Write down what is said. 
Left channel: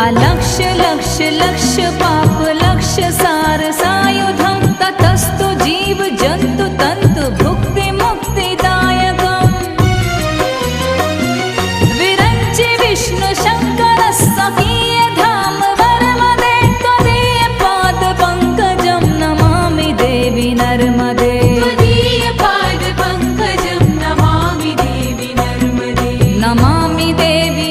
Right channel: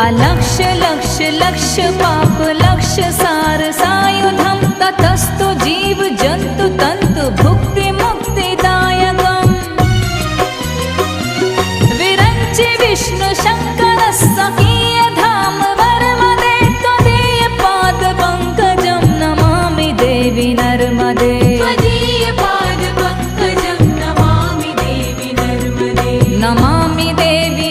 अलक्ष लक्ष लक्ष पाप लक्ष सार सायुधं ततस्तु जीव जंतु तंतु भुक्ति मुक्तिदायकम् विरंचि विष्णु शंकर सखीय धाम वर्मदे त्वदीय पाद पंकजं नमामि देवी नर्मदे नमामि देवी